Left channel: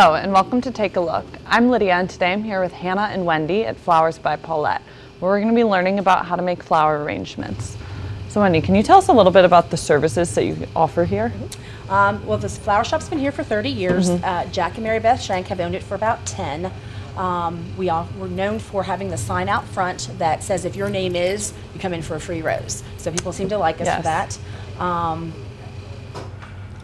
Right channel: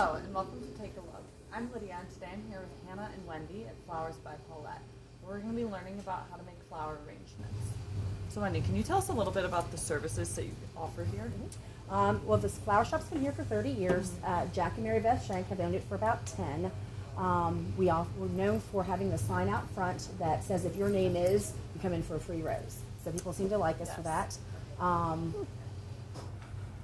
Hello and welcome to Take a Look. I'm Lydia and today I'm here with Hannah and Wendy at Flowers by Paulette, where we're going to be learning about how to make flower arrangements. So Wendy, can you tell us a little bit about the services that you offer here? Well, this flower shop's been here for 30 years. Jack and Mary Beth Shank have owned it for about 10. We're known for having the sign out front that says if your name is, you come in for a free rose. So people seem to like us for that.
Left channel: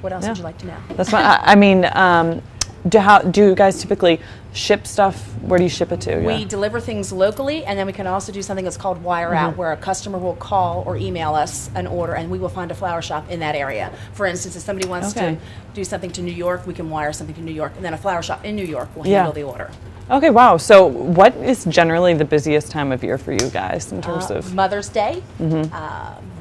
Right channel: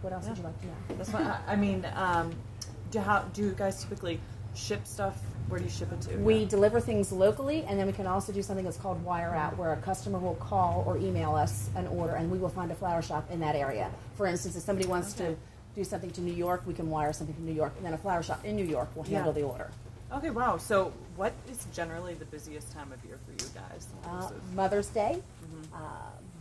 What else would you like to know? That's fine. Do you guys typically ship stuff? Where do you ship it to? We deliver things locally, and then we can also do something that's called wire out, where a customer will call or email us an order, and we will find a flower shop in that area. For instance, if somebody wants to do something to New York, we can wire something to New York, and then a flower shop in New York will handle the order. Okay, wow. So what is generally the busiest time of year for you guys in terms of? Mother's Day.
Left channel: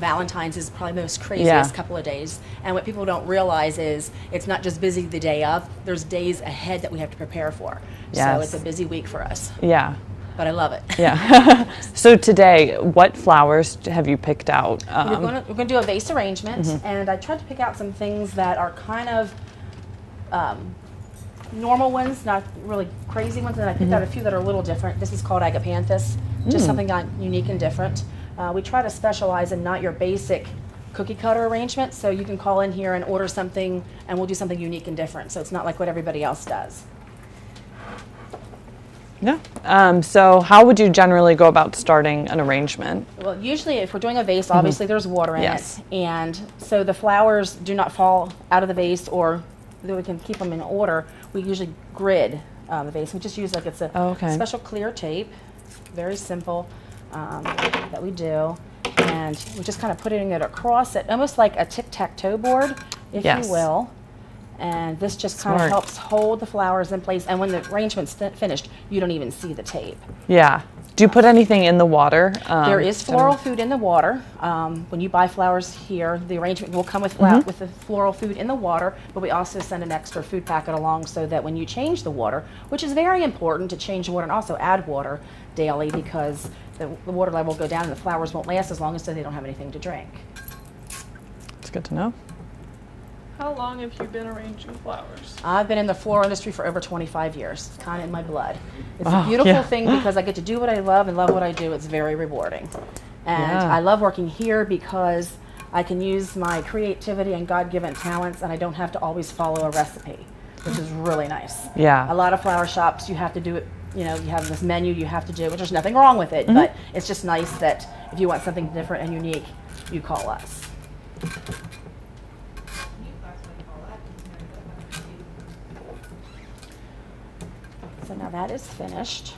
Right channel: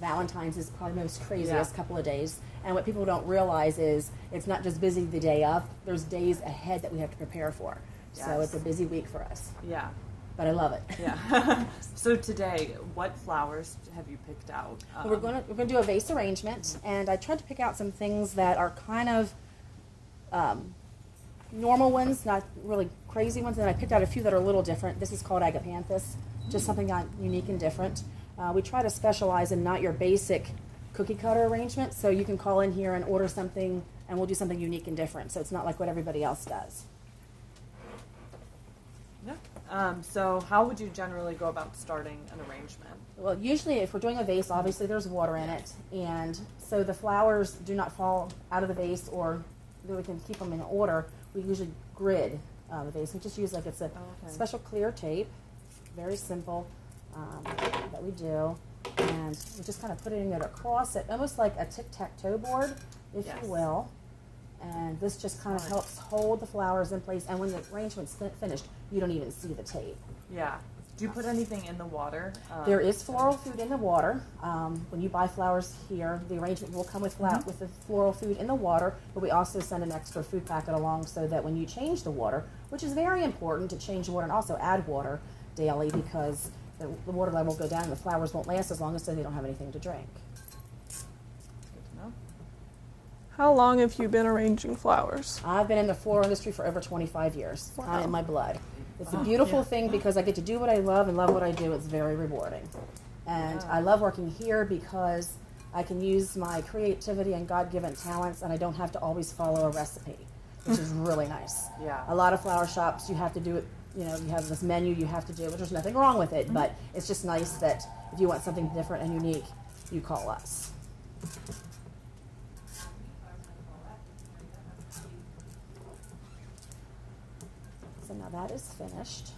Valentine's is probably the most craziest couple of days. And what people don't realize is it's not just busy the day of, there's days ahead that we have to prepare for. So it's a busy week for us. Yeah. But I love it. Yeah. So today, what flowers have you picked out? We're going to do a vase arrangement, and I tried to pick out some things that are kind of normal ones, not really crazy ones, and I picked out a few that are a little different. This is called agapanthus, just something unique and different. We try to specialize in not your basic cookie cutter arrangement, so you can call in here and order something, and we'll do something unique and different, so it's not like what everybody else does. Yeah. So how would you generally go about starting an arrangement? Well, usually if we're doing a vase, obviously there's water in it, and so the flowers do not fall out of the vase, or we can keep them in order. We usually grid the vase. We just use like it's a special clear tape, very simple, that we do, and we're just kind of putting it across it, almost like a tic-tac-toe board, if you will. And this just kind of helps hold the flowers in place, and when the arrangement's finished, you don't even see the tape. Yeah. Do you put anything in the water? There is floral food in the water. When you buy flowers here, the arrangement will come with the floral food in the water, but we also send an extra food packet along so that when you change the water, which is very important to change the water and also add water daily, because the water level will go down and the flowers won't last as long as they don't have anything to drink. It's good to know. How long have you been arranging flowers? I've been in the floral industry for over 25 years, kind of in my blood. It's a beautiful thing because I get to do what I love and love what I do. It's very rewarding. And I love working here because I can use my creativity and God-given talents, and I don't have to always follow a recipe, which is really nice. Yeah. A lot of flower shops, you have to do it, you know, you have this menu you have to do, which there's nothing wrong with it, but it's just nice that if you want something different and unique, you call us. So now that is finished.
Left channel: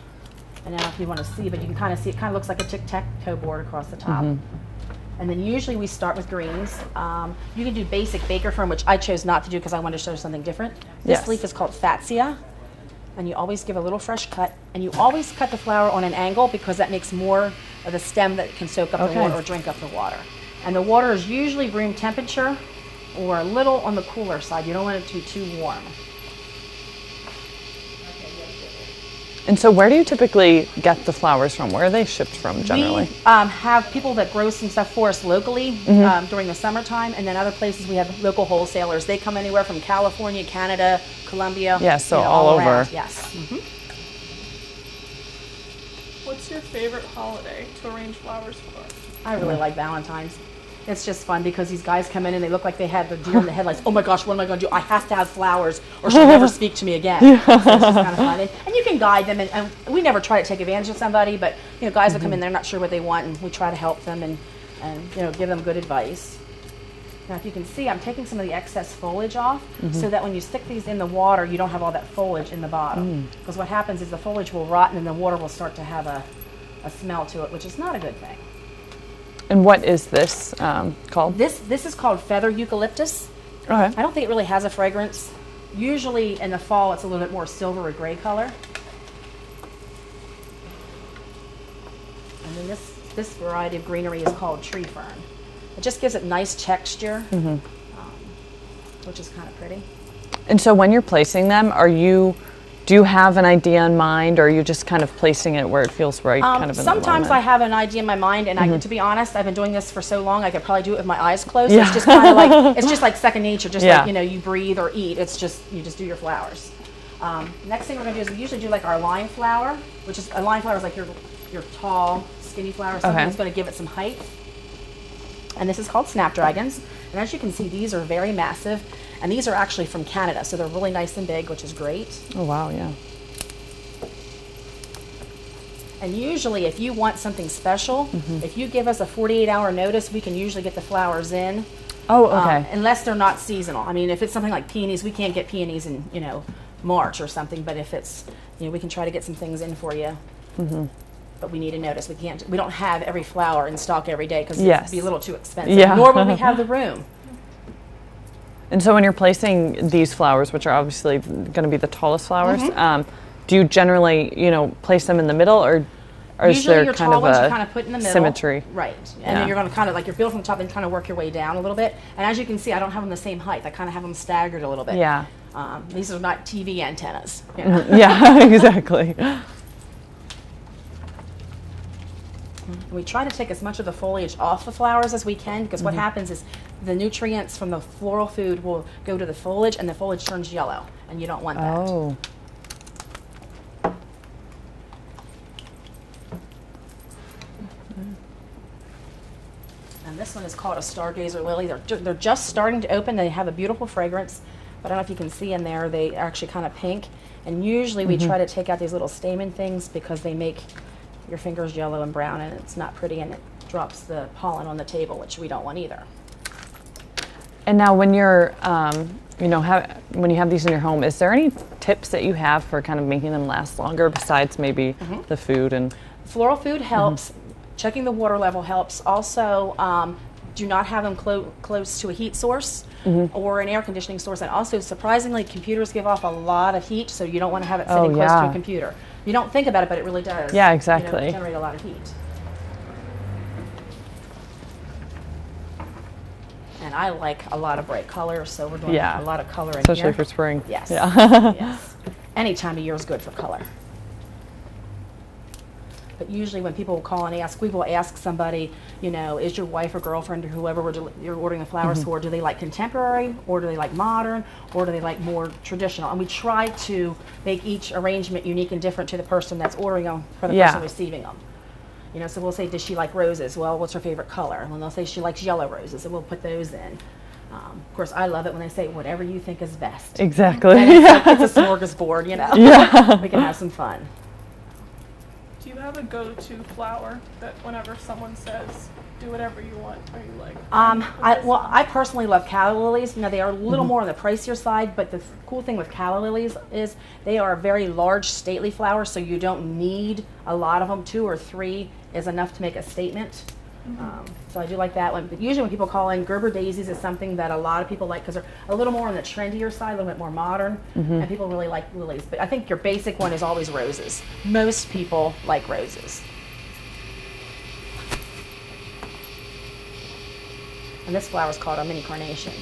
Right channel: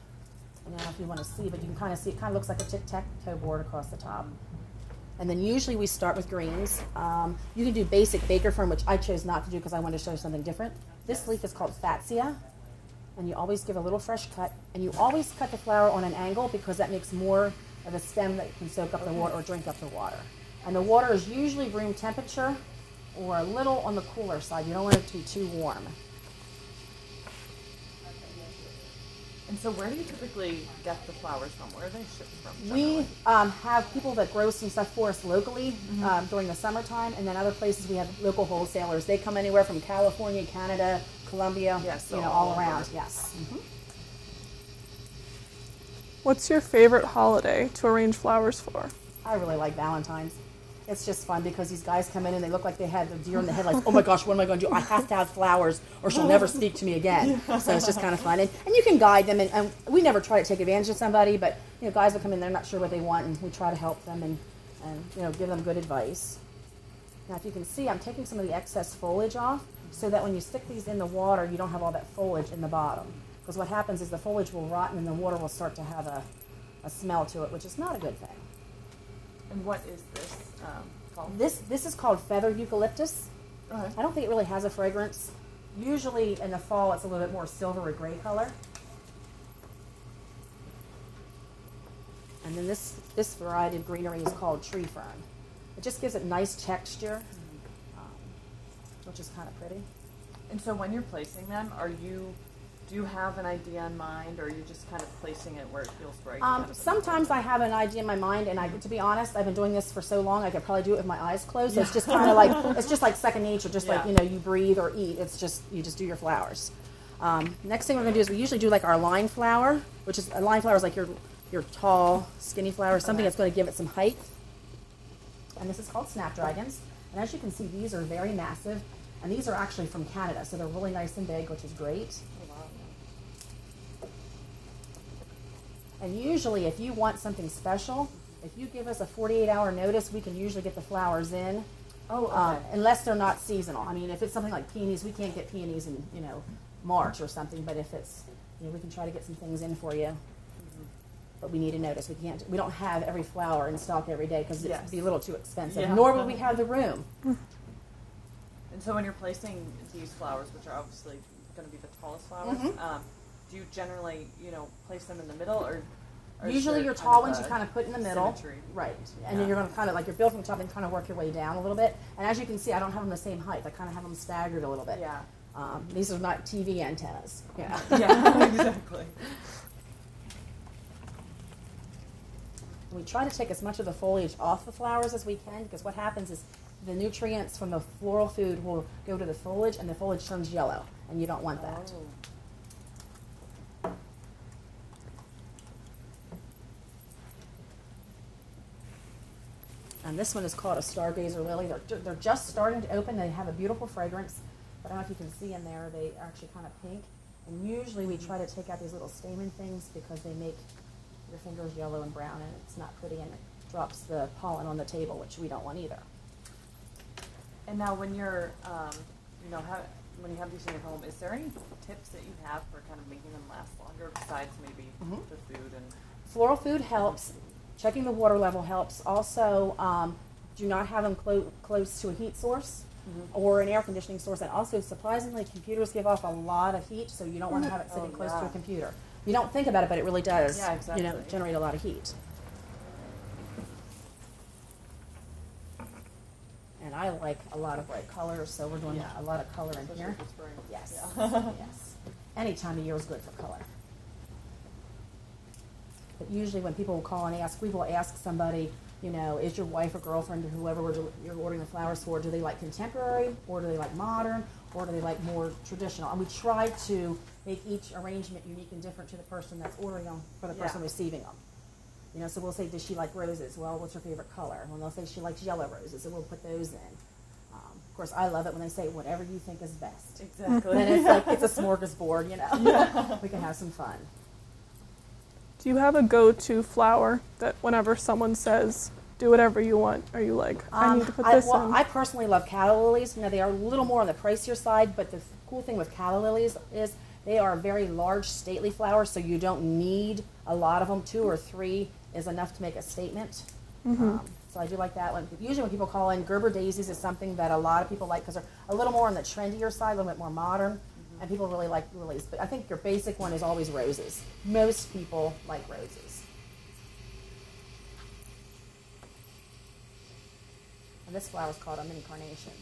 And now if you want to see, but you can kind of see, it kind of looks like a tic-tac-toe board across the top. And then usually we start with greens. You can do basic baker fern, which I chose not to do because I wanted to show something different. This leaf is called fatsia. And you always give a little fresh cut. And you always cut the flower on an angle because that makes more of the stem that can soak up the water or drink up the water. And the water is usually room temperature or a little on the cooler side. You don't want it to be too warm. And so where do you typically get the flowers from? Where are they shipped from generally? We have people that grow some stuff for us locally during the summertime, and then other places we have local wholesalers. They come anywhere from California, Canada, Colombia. Yeah, so all over. Around. Yes. What's your favorite holiday to arrange flowers for? I really like Valentine's. It's just fun because these guys come in and they look like they had the deer in the headlights. Oh my gosh, what am I going to do? I have to have flowers or she'll never speak to me again. So it's just kind of fun. And you can guide them, and we never try to take advantage of somebody, but you know, guys will come in, they're not sure what they want, and we try to help them and you know, give them good advice. Now if you can see, I'm taking some of the excess foliage off so that when you stick these in the water, you don't have all that foliage in the bottom. Because what happens is the foliage will rot and then the water will start to have a smell to it, which is not a good thing. And what is this called? This is called feather eucalyptus. I don't think it really has a fragrance. Usually in the fall it's a little bit more silver or gray color. And then this variety of greenery is called tree fern. It just gives it nice texture, which is kind of pretty. And so when you're placing them, do you have an idea in mind, or are you just kind of placing it where it feels right? Sometimes I have an idea in my mind, and to be honest, I've been doing this for so long, I could probably do it with my eyes closed. So it's just kind of like, it's just like second nature, just like, you know, you breathe or eat. It's just, you just do your flowers. Next thing we're gonna do is we usually do like our line flower, which is a line flower is like your tall, skinny flower, something that's gonna give it some height. And this is called snapdragons. And as you can see, these are very massive. And these are actually from Canada, so they're really nice and big, which is great. Oh, wow, yeah. And usually, if you want something special, if you give us a 48-hour notice, we can usually get the flowers in. Oh, okay. Unless they're not seasonal. I mean, if it's something like peonies, we can't get peonies in, March or something. But if it's, we can try to get some things in for you. But we need a notice. We don't have every flower in stock every day because it'd be a little too expensive. Yeah. Nor will we have the room. And so when you're placing these flowers, which are obviously going to be the tallest flowers, do you generally, place them in the middle, or is Usually there your kind tall of ones a you kind of put in the middle. symmetry? Right. And then you're going to kind of, like, you're built from the top and kind of work your way down a little bit. And as you can see, I don't have them the same height. I kind of have them staggered a little bit. Yeah. These are not TV antennas. Yeah, exactly. We try to take as much of the foliage off the flowers as we can, because what happens is the nutrients from the floral food will go to the foliage, and the foliage turns yellow, and you don't want that. Oh. And this one is called a stargazer lily. They're just starting to open. They have a beautiful fragrance, but I don't know if you can see in there, they are actually kind of pink. And usually we try to take out these little stamen things because they make your fingers yellow and brown, and it's not pretty, and it drops the pollen on the table, which we don't want either. And now when you're, when you have these in your home, is there any tips that you have for kind of making them last longer besides maybe the food? And floral food helps. Checking the water level helps. Also, do not have them close to a heat source or an air conditioning source. And also, surprisingly, computers give off a lot of heat, so you don't want to have it sitting close to a computer. You don't think about it, but it really does. Yeah, exactly. Generate a lot of heat. And I like a lot of bright colors, so we're doing a lot of color in especially here. for spring. Yes. Yeah. Yes. Any time of year is good for color. But usually when people call and ask, we will ask somebody, is your wife or girlfriend or whoever you're ordering the flowers for, do they like contemporary, or do they like modern, or do they like more traditional? And we try to make each arrangement unique and different to the person that's ordering them for the person receiving them. So we'll say, does she like roses? Well, what's her favorite color? And they'll say she likes yellow roses, and we'll put those in. Of course, I love it when they say, whatever you think is best. Exactly. And it's a smorgasbord, Yeah. We can have some fun. Do you have a go-to flower that whenever someone says, do whatever you want, are you like, I need to put this on? I personally love calla lilies. Now, they are a little more on the pricier side, but the cool thing with calla lilies is they are very large, stately flowers, so you don't need a lot of them. 2 or 3 is enough to make a statement. So I do like that one. But usually when people call in, Gerber daisies is something that a lot of people like because they're a little more on the trendier side, a little bit more modern, and people really like lilies. But I think your basic one is always roses. Most people like roses. And this flower is called a mini carnation.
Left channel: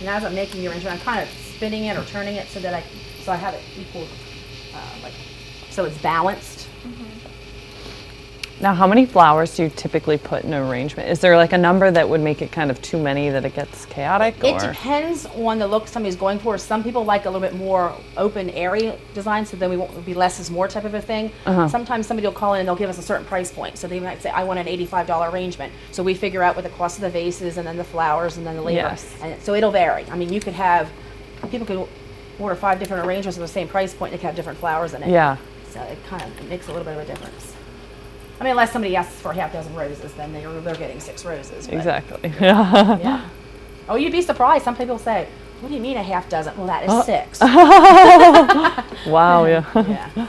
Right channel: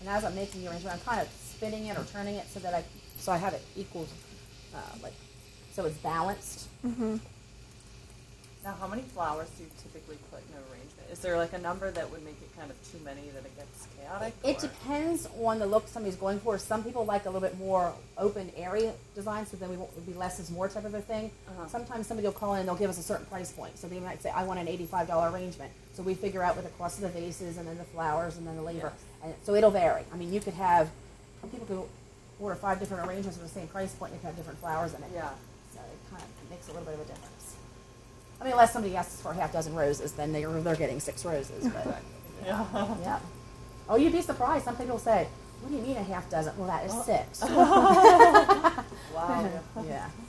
And as I'm making your arrangement, I'm kind of spinning it or turning it so that I have it equal, so it's balanced. Now, how many flowers do you typically put in an arrangement? Is there like a number that would make it kind of too many that it gets chaotic? It depends on the look somebody's going for. Some people like a little bit more open, airy design, so then we won't be less is more type of a thing. Sometimes somebody will call in and they'll give us a certain price point. So they might say, I want an $85 arrangement. So we figure out what the cost of the vases and then the flowers and then the labor. Yes. And so it'll vary. I mean, you could have, people could order 5 different arrangements with the same price point and they could have different flowers in it. Yeah. So it kind of makes a little bit of a difference. I mean, unless somebody asks for a half dozen roses, then they're getting 6 roses. But, Exactly. yeah. Oh, you'd be surprised. Some people say, what do you mean a half dozen? Well, that is 6. Wow, yeah. Yeah.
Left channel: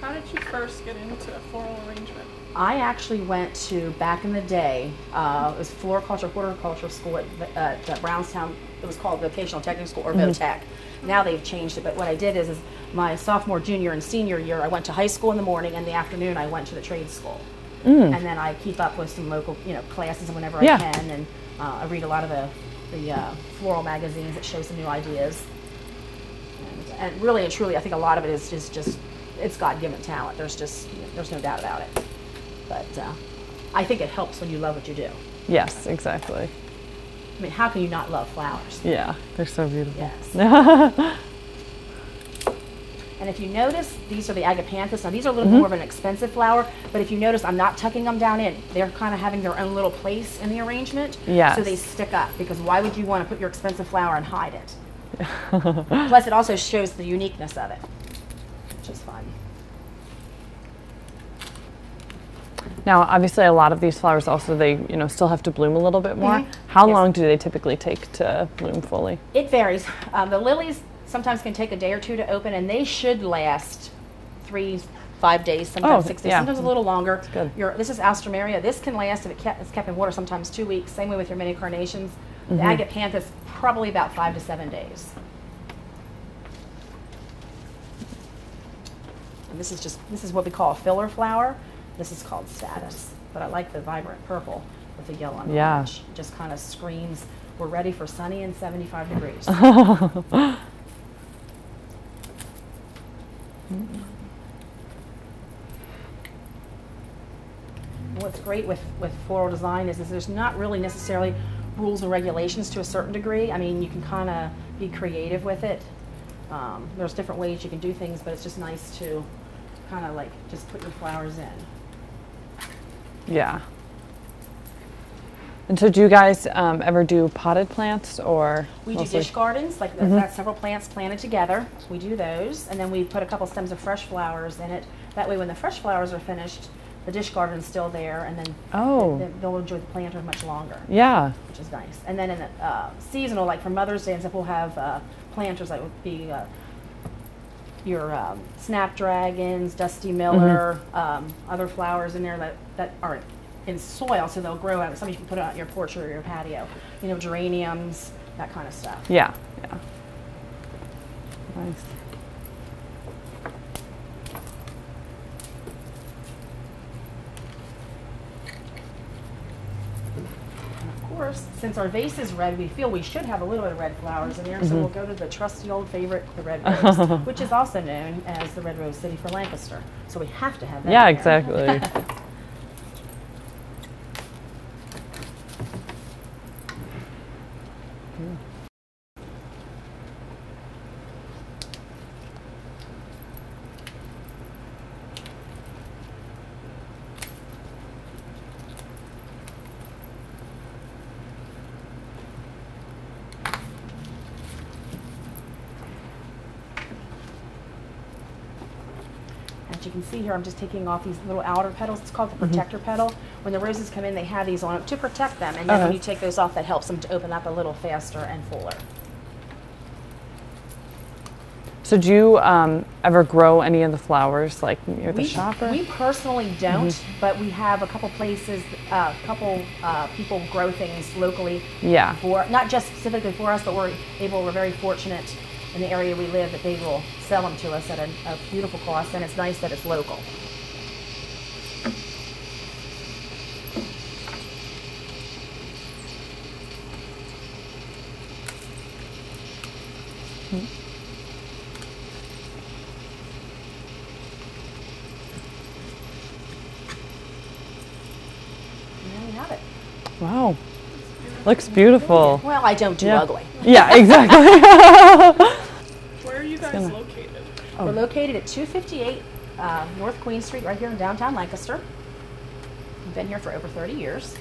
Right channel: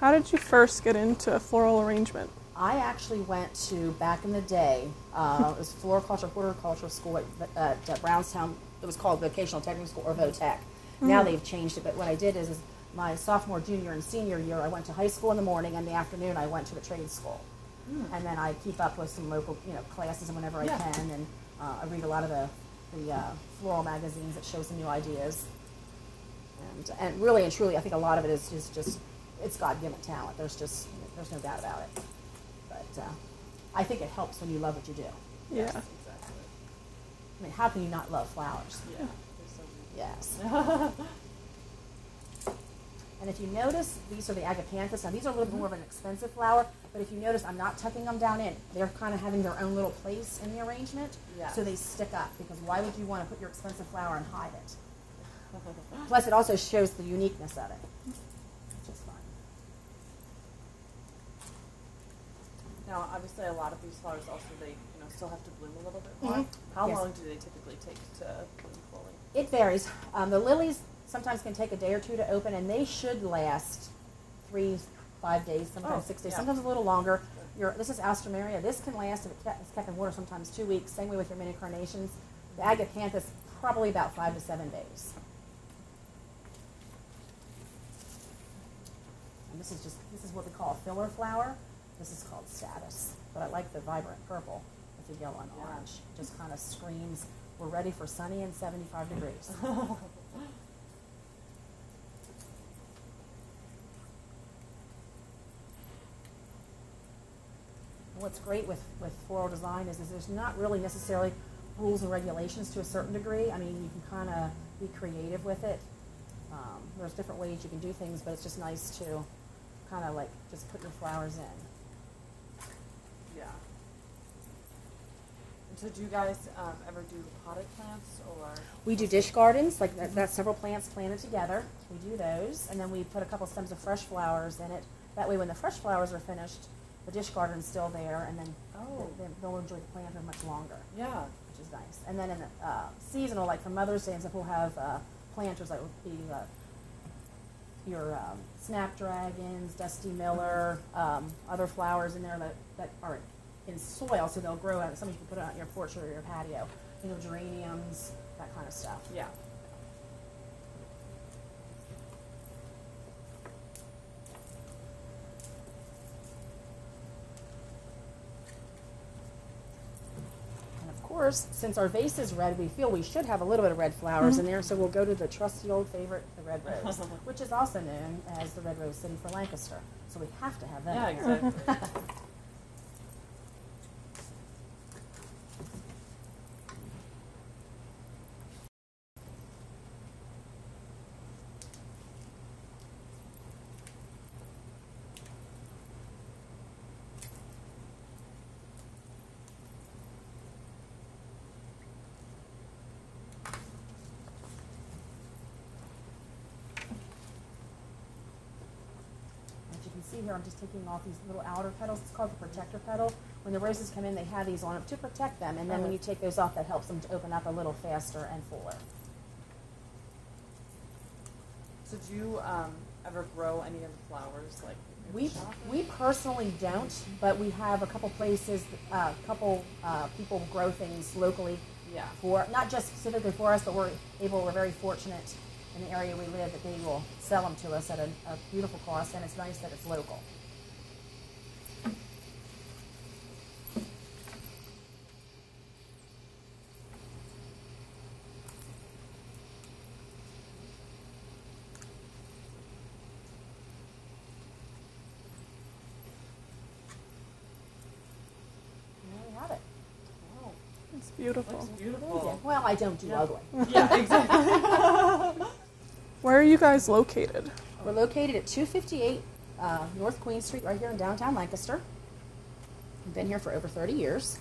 How did you first get into floral arrangement? I actually went to, back in the day, it was floriculture, horticultural school at Brownstown. It was called Vocational Technical School, or VOTech. Now they've changed it, but what I did is my sophomore, junior, and senior year, I went to high school in the morning, and the afternoon I went to the trade school. And then I keep up with some local, classes whenever I can, and I read a lot of the floral magazines that show some new ideas. And really and truly, I think a lot of it is just it's God-given talent. There's no doubt about it. But I think it helps when you love what you do. Yes, exactly. I mean, how can you not love flowers? Yeah, they're so beautiful. Yes. And if you notice, these are the agapanthus. Now, these are a little more of an expensive flower, but if you notice, I'm not tucking them down in. They're kind of having their own little place in the arrangement. Yes. So they stick up, because why would you want to put your expensive flower and hide it? Plus, it also shows the uniqueness of it, which is fun. Now, obviously, a lot of these flowers also, they still have to bloom a little bit more. How Yes. long do they typically take to bloom fully? It varies. The lilies sometimes can take a day or two to open, and they should last 3-5 days, sometimes 6 days, yeah. sometimes a little longer. Good. This is Alstroemeria. This can last, if it's kept in water, sometimes 2 weeks. Same way with your mini carnations. The agapanthus, probably about 5 to 7 days. And this is what we call a filler flower. This is called status, but I like the vibrant purple with the yellow and Yeah. orange. It just kind of screams, we're ready for sunny and 75 degrees. What's great with floral design is there's not really necessarily rules and regulations to a certain degree. I mean, you can kind of be creative with it. There's different ways you can do things, but it's just nice to kind of like just put your flowers in. Yeah. And so do you guys ever do potted plants, or? We do mostly- dish gardens, like that's several plants planted together. We do those, and then we put a couple stems of fresh flowers in it. That way when the fresh flowers are finished, the dish garden's still there, and then they'll enjoy the planter much longer, Yeah. which is nice. And then in the seasonal, like for Mother's Day and stuff, we'll have planters that would be your snapdragons, dusty miller, other flowers in there that are in soil, so they'll grow out. Some you can put it on your porch or your patio. You know, geraniums, that kind of stuff. Yeah. Yeah. Nice. And of course, since our vase is red, we feel we should have a little bit of red flowers in there, so we'll go to the trusty old favorite, the red rose, which is also known as the Red Rose City for Lancaster. So we have to have that. Yeah, in there. exactly. As you can see here, I'm just taking off these little outer petals. It's called the protector petal. When the roses come in, they have these on to protect them, and then when you take those off, that helps them to open up a little faster and fuller. So do you ever grow any of the flowers like near the shop? Or? We personally don't, but we have a couple places, people grow things locally. Yeah. For not just specifically for us, but we're very fortunate in the area we live that they will sell them to us at a beautiful cost, and it's nice that it's local. And there we have it. Wow. It's beautiful. Looks beautiful. Well, I don't do ugly. Yeah, exactly. Where are you guys located? We're located at 258 North Queen Street, right here in downtown Lancaster. We've been here for over 30 years.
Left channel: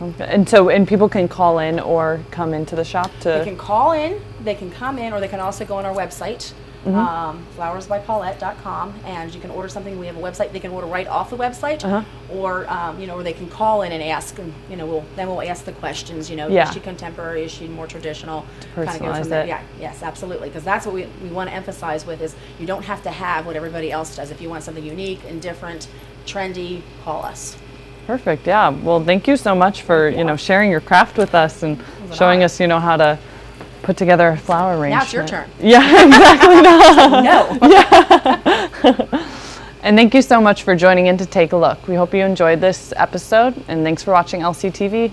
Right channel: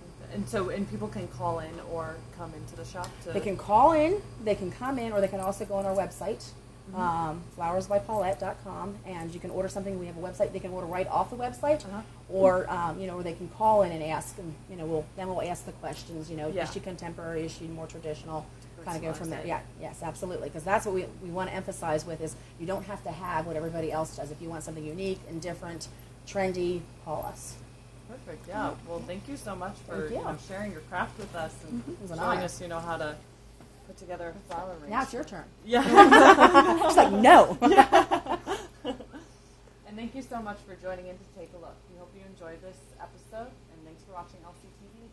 Okay. And people can call in or come into the shop to. They can call in, they can come in, or they can also go on our website, flowersbypaulette.com, and you can order something. We have a website. They can order right off the website, or or they can call in and ask, and we'll ask the questions. Is she contemporary? Is she more traditional? Kind of go from there. Yeah, yes, absolutely, because that's what we want to emphasize with is you don't have to have what everybody else does. If you want something unique and different, trendy, call us. Perfect. Yeah. Well, thank you so much for sharing your craft with us and showing us how to put together a flower arrangement. Now it's your turn. Yeah, exactly. No. Yeah. And thank you so much for joining in to take a look. We hope you enjoyed this episode, and thanks for watching LCTV.